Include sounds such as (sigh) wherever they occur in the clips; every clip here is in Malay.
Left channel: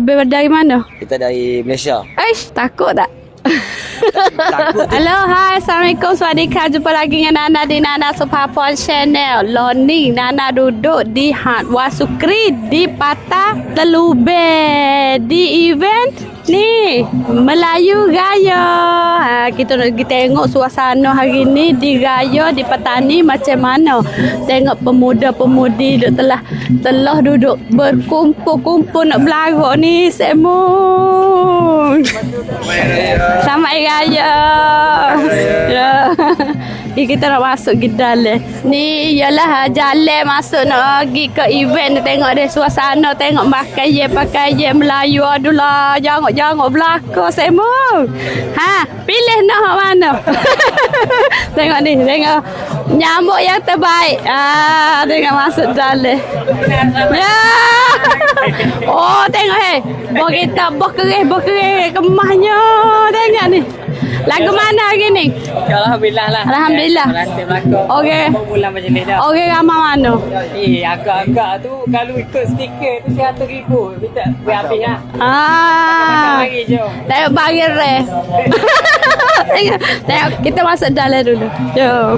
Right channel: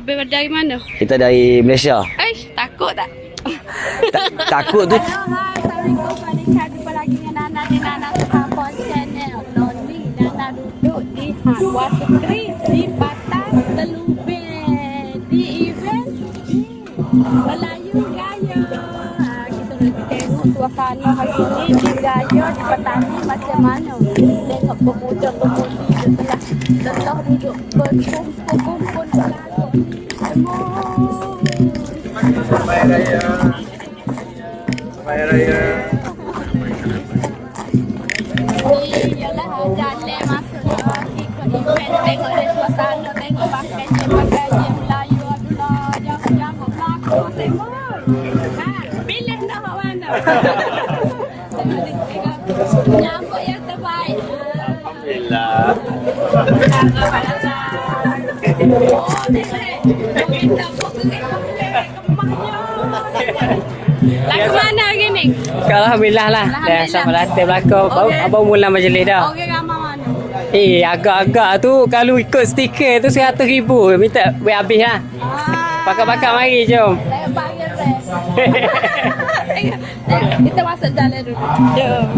habis dari mana? Kita dari Malaysia. Eish, takut tak? Takut tu. Hello, hai. Assalamualaikum. Swadika. Jumpa lagi dengan Nana di Nana Supapon Channel. Loni, Nana duduk di Hat Wasukri di Patah Telube. Di event ni Melayu Raya. Kita nak pergi tengok suasana hari ni di Raya di Petani macam mana. Tengok pemuda-pemudi duduk telah telah duduk berkumpul-kumpul nak berlarak ni. Semua. Selamat Hari Raya. Ya. Ni kita nak masuk ke dalam. Ni ialah jalan masuk nak pergi ke event tengok dia suasana, tengok makan ye pakai Melayu adulah. Jangan-jangan belaka semua. Ha, pilih nak mana. (laughs) tengok ni, tengok nyamuk yang terbaik. Ah, tengok masuk dalam. Ya. Oh, tengok hei. Oh, kita berkerih, berkerih kemahnya. Tengok ni. Lagu mana hari ni? Alhamdulillah lah. Alhamdulillah. Sama latih belakang. Okey. Abang mula majlis dah. Orang ramai mana? Eh, agak-agak tu kalau ikut stiker tu seratus ribu. Minta buat habis lah. Ah. Pakai-pakai mari jom. Tengok barir eh. tengok. Kita masuk dalam dulu. Jom.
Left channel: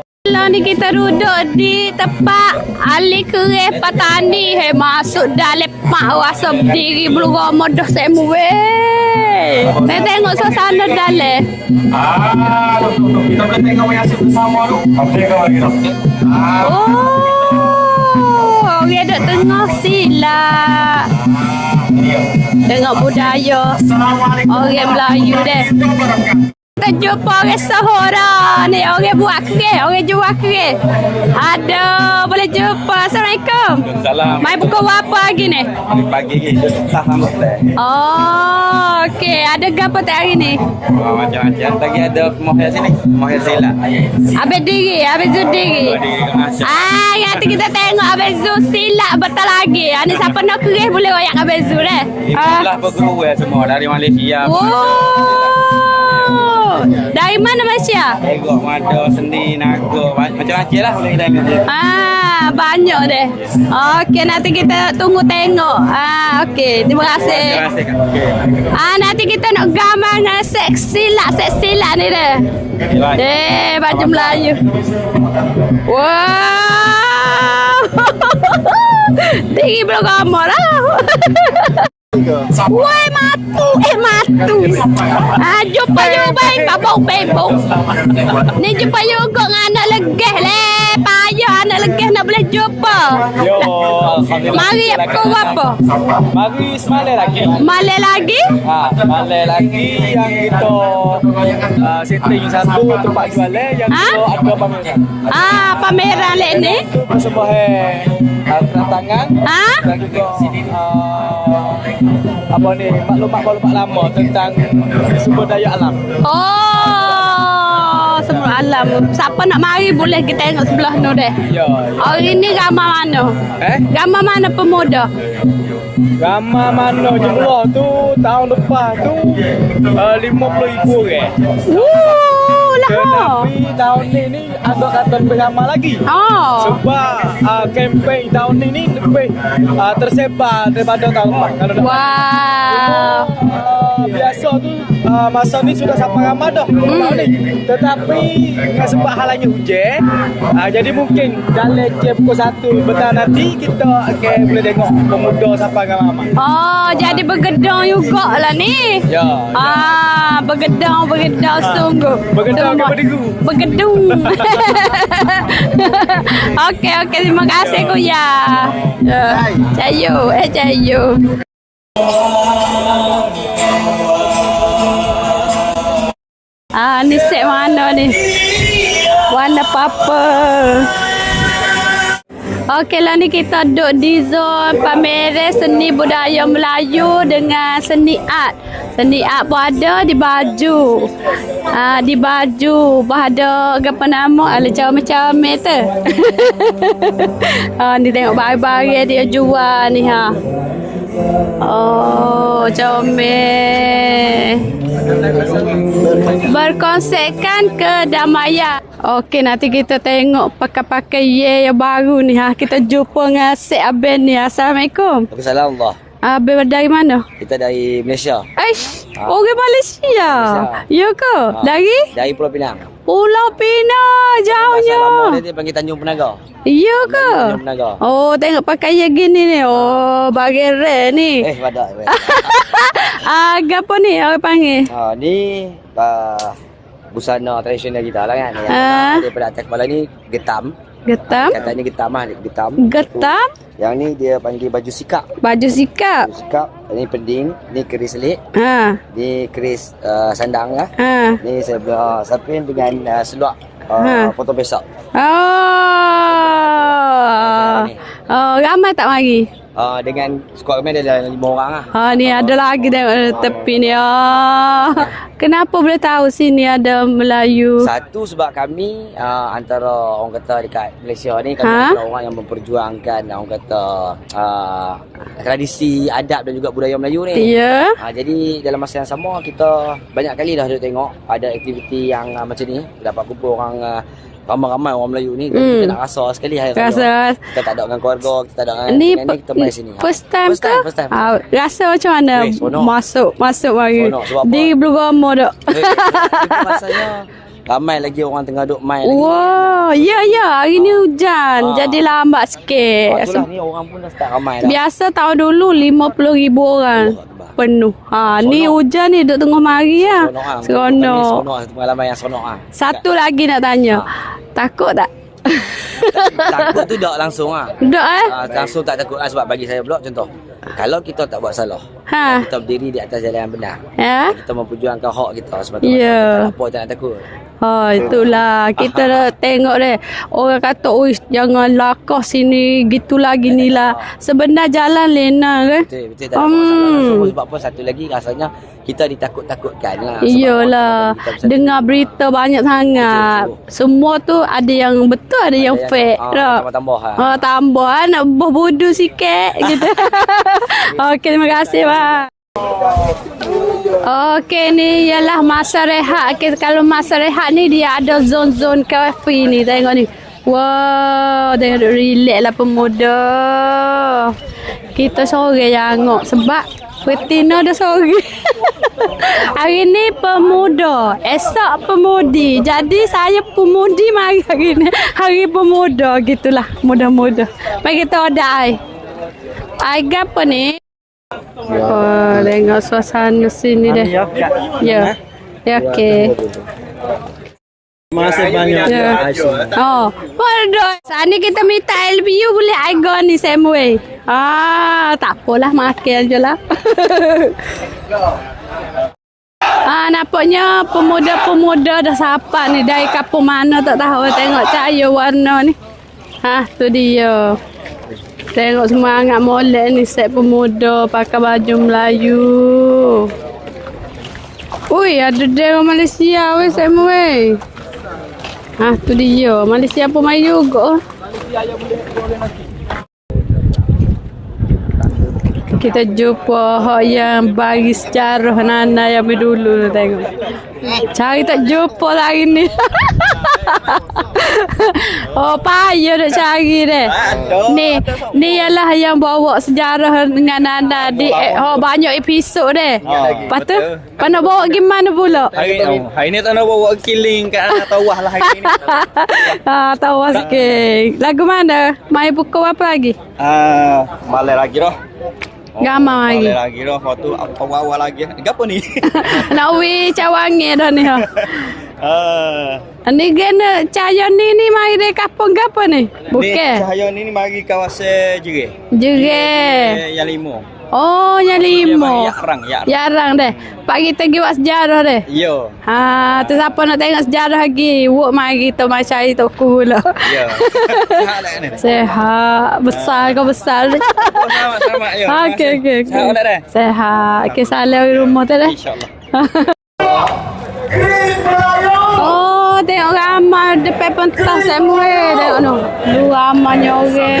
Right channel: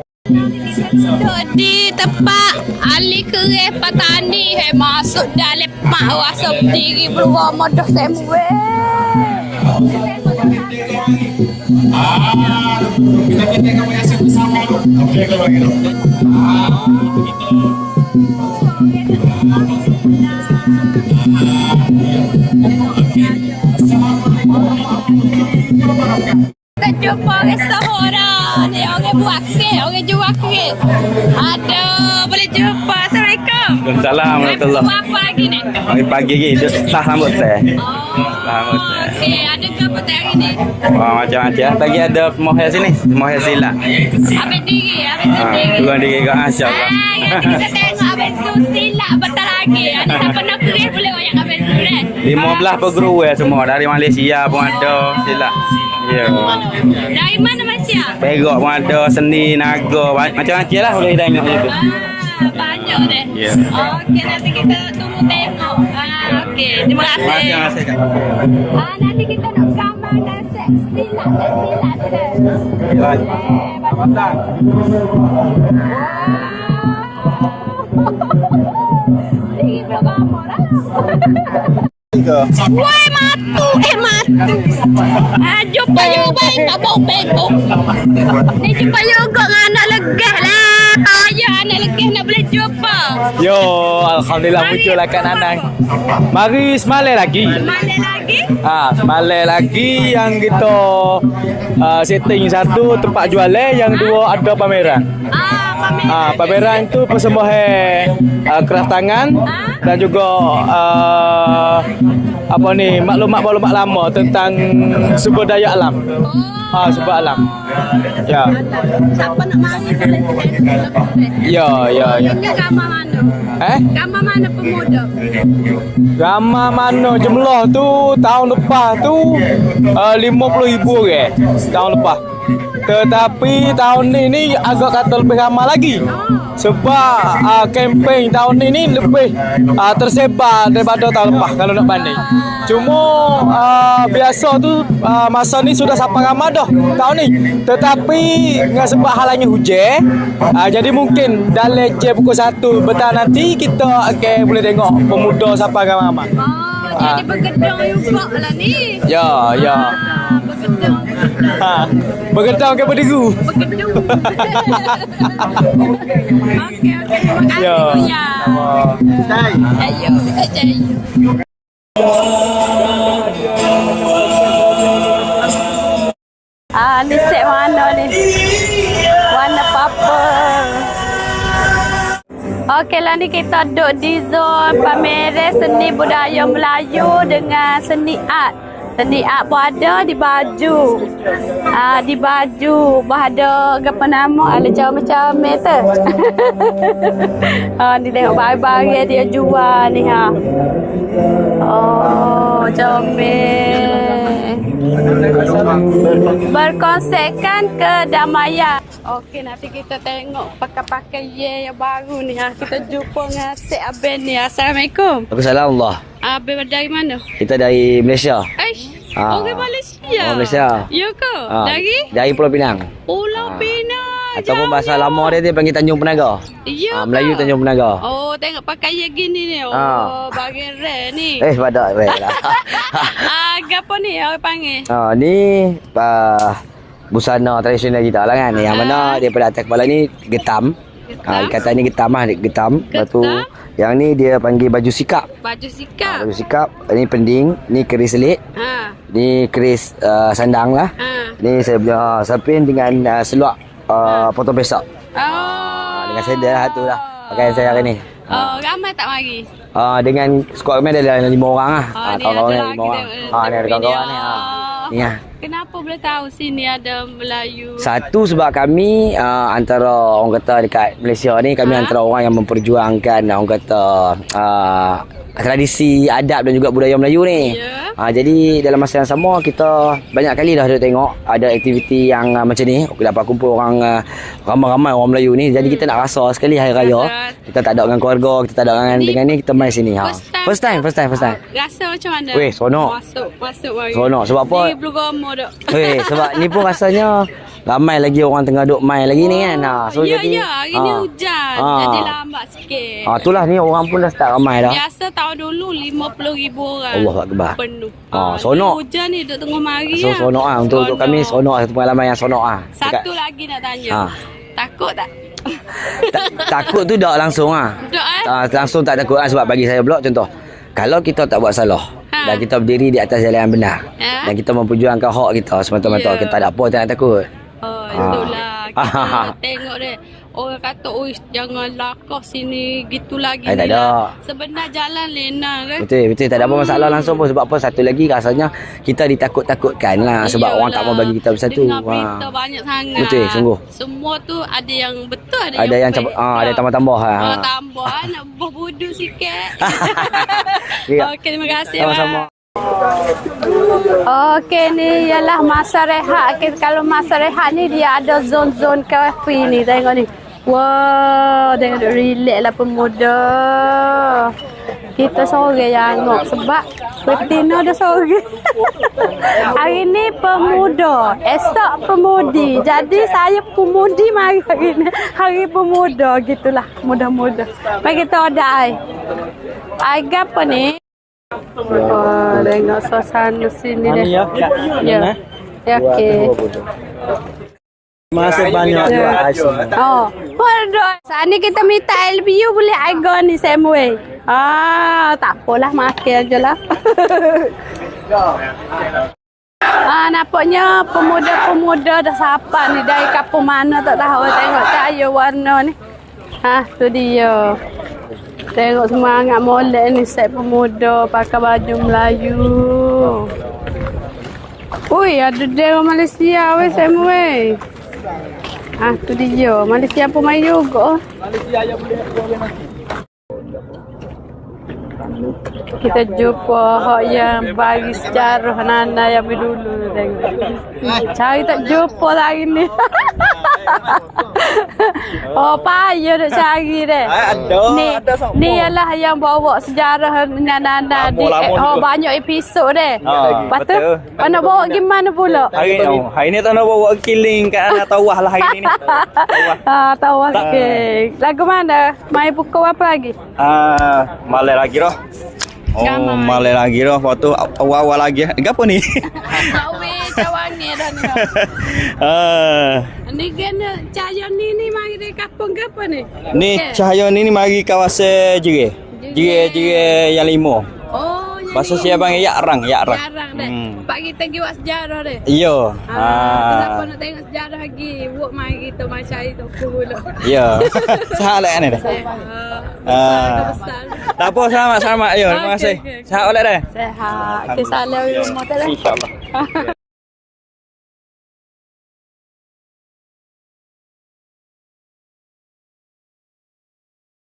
(laughs) Kalau ni kita duduk di tempat Ali Kereh Patani. Hey, masuk dalam mak rasa berdiri bergama dah semua. weh. Tengok suasana dalam. Dah. Oh, orang duduk tengah sila. Tengok budaya orang Melayu deh. Jumpa orang Sahara ni orang buat kek, orang jual kek. Aduh, boleh jumpa. Assalamualaikum. Waalaikumsalam. Mai pukul berapa lagi ni? Pagi-pagi ni dia tak sambut teh. Oh, okey. Ada apa tak hari ni? Oh, macam-macam. Pagi ada semua yang sini. Semua yang silat. Habis diri, habis tu diri. Dua diri kat Asya. Ah, nanti kita tengok Abang Zul silap betul lagi. Ah, ni siapa nak kerih boleh royak Abang Zul eh. Lima belas ya semua. Dari Malaysia pun ada silat. Ya. Dari mana Malaysia? Perak pun ada, seni, naga. Macam-macam lah boleh dari Malaysia. Ah, banyak deh. Ya. Okey, nanti kita tunggu tengok. Ah, okey. Terima kasih. Terima kasih. Kak. Ah, nanti kita nak gambar dengan seksi lah, seksi lah ni deh. Eh, baju Melayu. Wow. (laughs) Tinggi belum gambar lah. (laughs) Woi matu, eh matu. Ah, jumpa juga baik, abang bebok. Ni jumpa juga dengan anak legah lah. Payah anak legah nak boleh jumpa. Yo, alhamdulillah Mari, lah Anang. apa? Mari semalam lagi. Malam lagi? Ha, semalam lagi yang kita uh, setting satu tempat jualan yang Ha? dua ada pameran. Ah, pameran Ah, ni. pameran tu persembahan uh, keratangan Ha? dan juga uh, apa ni maklumat-maklumat lama tentang sumber daya alam. Oh. Ah, sebab alam. Sebab Ya. alam. Siapa nak mari boleh kita tengok sebelah tu deh. Ya, ya. Hari ni ramai mana? Eh? Ramai mana pemuda? Ramai mana jumlah tu tahun lepas tu uh, 50 ribu ke tahun lepas. Oh, lah. Tetapi tahun ni ni agak kata lebih ramai lagi. Oh. Sebab uh, kempen tahun ni ni lebih uh, tersebar daripada tahun lepas kalau nak banding. Cuma uh, biasa tu uh, masa ni sudah sampai ramai dah Hmm. tahun ni. Tetapi dengan sebab halanya hujan, uh, jadi mungkin dalam jam pukul 1 petang nanti kita akan boleh tengok pemuda sampai ramai. Oh, jadi bergedang juga lah ni. Ya, ya. Ah, bergedang, bergedang sungguh. Bergedang ke berderu? Bergedung. (laughs) okey, okey. Terima kasih, Ya. Kuya. Ya. Cayu, eh cayu. Ah, ni set mana ni? Warna purple. Okey lah ni kita duduk di zon pameran seni budaya Melayu dengan seni art. Seni art pun ada di baju. Ha, di baju pun ada apa nama ala comel-comel tu. ha, (laughs) ni tengok barang-barang dia jual ni ha. Comel. Berkonsepkan kedamaian. Okey, nanti kita tengok pakai-pakai ye yang baru ni ha. Kita jumpa dengan Sek Aben ni. Assalamualaikum. Waalaikumsalam Allah. Aben dari mana? Kita dari Malaysia. Eish, Ah. orang Malaysia. Orang Malaysia. Ya ke? Ah, Dari? Dari Pulau Pinang. Pulau Pinang. Sama Jauhnya. bahasa lama dia dia panggil Tanjung Penaga. Ya Ah, ke? Melayu Tanjung Penaga. Oh, tengok pakai yang gini ni. Oh, Ah. bagi rare ni. (laughs) Eh, badak rare. (laughs) Ah, apa ni orang panggil? ha, ni uh, busana tradisional kita lah kan. Yang Ah. mana daripada atas kepala ni getam. Getam? Ha, katanya getam lah, getam. Getam? yang ni dia panggil baju sikap. Baju sikap. Baju sikap, ni pending, ni keris selit, Ha. ni keris uh, sandang lah. Ha. Ni saya punya uh, sapin dengan uh, seluar uh, Ha. potong pesak. Oh. Dengan saya dah tu lah. Dengan saya hari ni. Oh, ramai tak mari? Uh, dengan skuad kami ada lima orang lah. Ha, ni Ah, ada lagi tengok Ah, tepi ni. Ah. Ya. Kenapa boleh tahu sini ada Melayu? Satu sebab kami uh, antara orang kata dekat Malaysia ni kami Ha? antara orang yang memperjuangkan orang kata uh, tradisi adab dan juga budaya Melayu ni. Ya. Ha, jadi dalam masa yang sama kita banyak kali dah ada tengok ada aktiviti yang uh, macam ni. Kita dapat kumpul orang uh, ramai-ramai orang Melayu ni. Jadi Hmm. kita nak rasa sekali hari raya. Rasa. Kita tak ada dengan keluarga, kita tak ada dengan, dengan ni kita mai sini. Ha. First time First time, first time, first time. Ah, rasa macam mana? Weh. Masuk, masuk mari. Seronok. Sebab apa? Di bergama dak. Eh, sebab ni pun rasanya ramai lagi orang tengah duk main lagi ni kan. Ha, so ya, jadi- ya. Hari ni ha. hujan. Ah. Jadi lambat sikit. Ah, itulah ni orang pun dah start ramai dah. Biasa tahun dulu 50 ribu orang. Allah Akbar. Penuh. Ha, Ah, ni hujan ni duk tengah mari So, ya. seronok ah. Untuk, untuk kami seronok satu pengalaman yang seronok ah. Satu lagi nak tanya. Ah. Takut tak? Takut tu tak langsung ah. Duk eh? Ah, langsung tak takut ah sebab bagi saya pula contoh. Kalau kita tak buat salah Ha. dan kita berdiri di atas jalan yang benar Ya. dan kita memperjuangkan hak kita semata-mata Ya. kita tak ada apa tak nak takut. Ha, itulah. Kita Ah. (laughs) tengok deh. Orang kata, "Uish, jangan lakah sini, gitulah, ginilah." Sebenar jalan lena deh. Betul, betul. Tak ada Hmm. masalah langsung pun. Sebab apa? Satu lagi rasanya kita ditakut-takutkan lah. Sebab orang tak mau bagi kita bersatu. Dengar Ah. berita banyak sangat. Betul, sungguh. Semua tu ada yang betul, ada, Ada yang, yang fake. ah, ada tak? tambah-tambah, ha. Ha, tambah. Ha, nak berbodoh sikit. gitu. (laughs) Ya. (laughs) Okey, terima kasih. Bang. Okey ni ialah masa rehat. Okay, kalau masa rehat ni dia ada zon-zon kafe ni. Tengok ni. Wow, tengok relax lah pemuda. Kita sore janguk sebab betina dah sore. (laughs) hari ni pemuda, esok pemudi. Jadi saya pemudi mari hari ni. Hari pemuda gitulah, muda-muda. Mari kita order ai. Apa ni? Wah, tengok suasana sini deh. Ya. Ya, okey. Masih banyak Ya. Oh, waduh. Sana kita minta LBU boleh aigo ni Samuel. Ah, tak apalah makan je lah. (laughs) Ah, nampaknya pemuda-pemuda dah sapa ni dari kampung mana tak tahu tengok cahaya warna ni. Ha, tu dia. Tengok semangat molek ni set pemuda pakai baju Melayu. Ui, ada dia Malaysia weh Samuel. Ha, tu dia. Malaysia pun main juga. Kita jumpa hak yang bagi sejarah Nana yang dulu tengok. Cari tak jumpa lagi ni. (laughs) oh, payah nak cari deh. Ni, ni ialah yang bawa sejarah dengan Nana di eh, oh, banyak episod deh. Lepas tu, nak bawa gimana pula? Hari ni, hari ni tak nak bawa killing kat arah tawah lah hari ni. (laughs) Ah, tahu sikit. Lagu mana? Main pukul apa lagi? Ah, malam lagi dah. Gamai. malam lagi dah. Lepas tu awal-awal lagi. Eh, apa ni? (laughs) Nak weh cawangi dah ni ha. (laughs) ah, Ni kena cahaya ni ni mai dari kampung ke apa ni? ni cahaya ni ni mari kawasan Jere. Jere. Jere yang lima. Oh, yang Maksud lima. panggil Yak Rang, Yak Rang. Jarang deh. Pak kita pergi buat sejarah deh. Ya. Ha, tu siapa nak tengok sejarah lagi? Wok mai kita mai cari toku (laughs) lah. Ya. Salah kan ni. Sehat, besar Ah. kau besar deh. Tak apa ya. Terima Okey, okey, okey. Salam dah dah. Sehat. Okey, salam di rumah tu deh. Insya-Allah. (laughs) Oh, tengok ramai depan pentas Samuel. Tengok tu. Lu ramainya orang.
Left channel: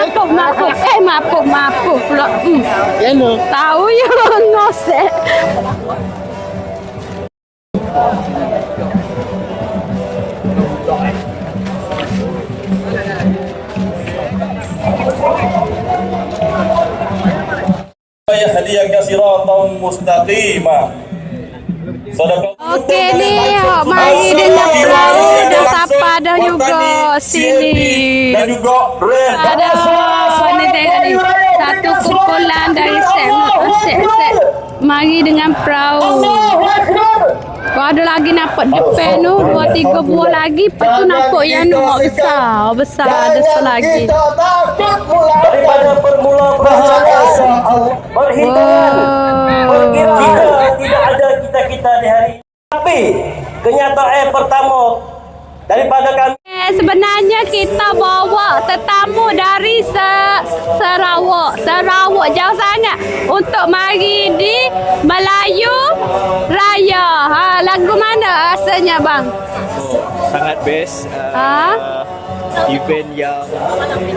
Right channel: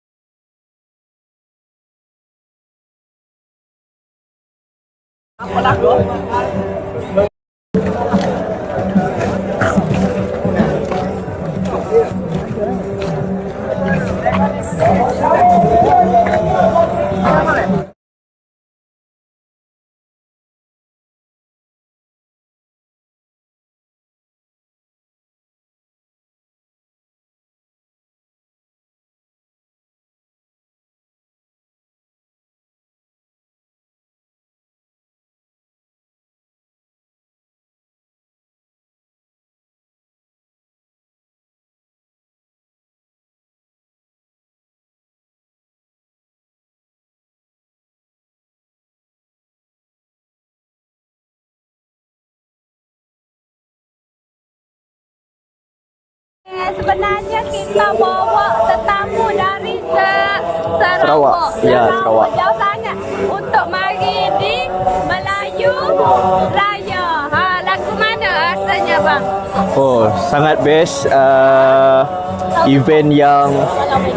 Mapuh, mapuh. Eh, mapuh, mapuh pula. Hmm. Ya, no. Tahu ya, (laughs) ngosek. Oke ni, oh, mari dengan perahu dan tapada juga sini. Dan juga ada. Satu kumpulan dari set. Set set. Mari dengan perahu. Kau ada lagi nampak depan tu? Dua tiga buah lagi, lepas tu nampak yang tu besar, besar. Ada selagi. daripada permula perjalanan berhitungan Wow. tidak ada kita-kita di hari tapi kenyataan pertama daripada kami Sebenarnya kita bawa tetamu dari Se- Sarawak, Sarawak jauh sangat untuk mari di Melayu Raya. Ha, lagu mana rasanya bang? Oh, sangat best. Uh, event yang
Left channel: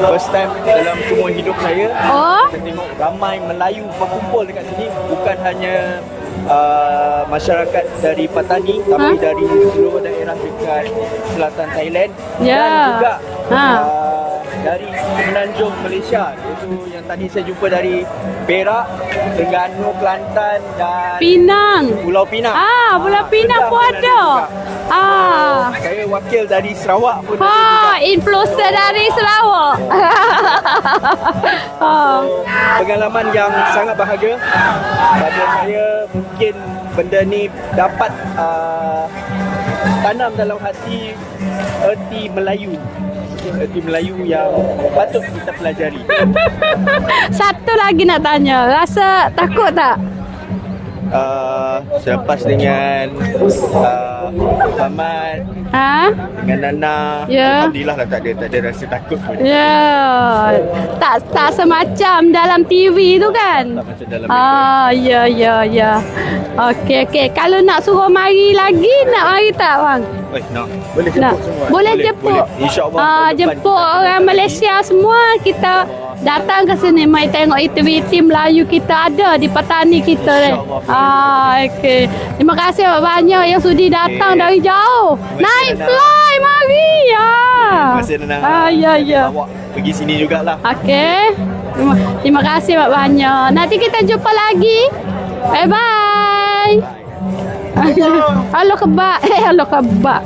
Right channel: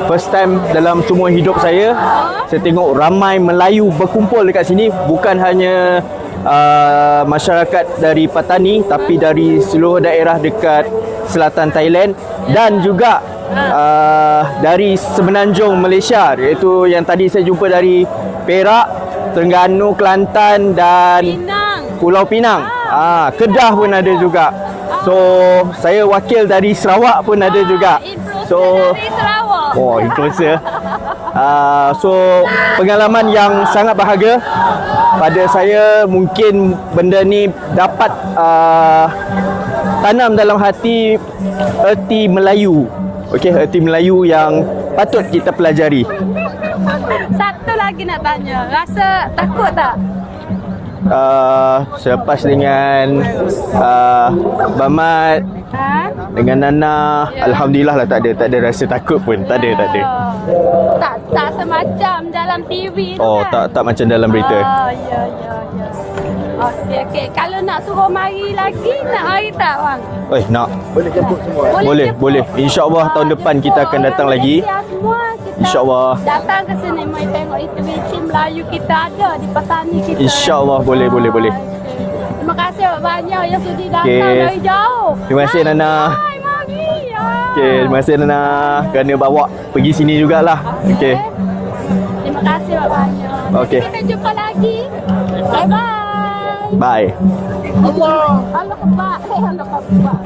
first time dalam semua hidup saya. Oh. Saya tengok ramai Melayu berkumpul dekat sini. Bukan hanya uh, masyarakat dari Patani, tapi dari seluruh daerah dekat selatan Thailand Ya. dan juga Ha. uh, dari Semenanjung Malaysia iaitu yang tadi saya jumpa dari Perak, Terengganu, Kelantan dan Pinang. Pulau Pinang. Ah, Pulau Pinang Kedah pun ada, ada. juga. So, Ah. saya wakil dari Sarawak pun ada Ah, juga. Influencer So, dari Sarawak. Oh, influencer. uh, (laughs) so, pengalaman yang sangat bahagia pada saya mungkin benda ni dapat uh, tanam dalam hati erti Melayu. Okey, erti Melayu yang patut kita pelajari. (laughs) Satu lagi nak tanya. Rasa takut tak? Uh, selepas dengan uh, Mamat Ha? dengan Nana Ya. Alhamdulillah lah tak ada Tak ada rasa takut pun Tak ada tak ada Tak tak semacam dalam TV tu Oh kan? tak, tak macam dalam berita Ah, ya ya ya. Okey okey. Kalau nak suruh mari lagi, nak mari tak bang? Eh nak Boleh jemput semua. Boleh, Boleh, jemput. boleh. InsyaAllah Ah, tahun depan jemput kita akan datang lagi. Malaysia semua kita datang ke sini mai tengok aktiviti Melayu kita ada di petani kita. kan? InsyaAllah. Boleh, ah, boleh, boleh. Okey. Terima kasih banyak yang sudi datang Okey. dari jauh. Terima kasih, Naik Nana. fly mari. Ya. Okay, terima kasih Nana Ah, ya, Kerana ya. bawa pergi sini jugalah Okey. Terima, terima kasih banyak. Nanti Okey. kita jumpa lagi. Bye bye. Bye Halo kebak. Eh halo kebak.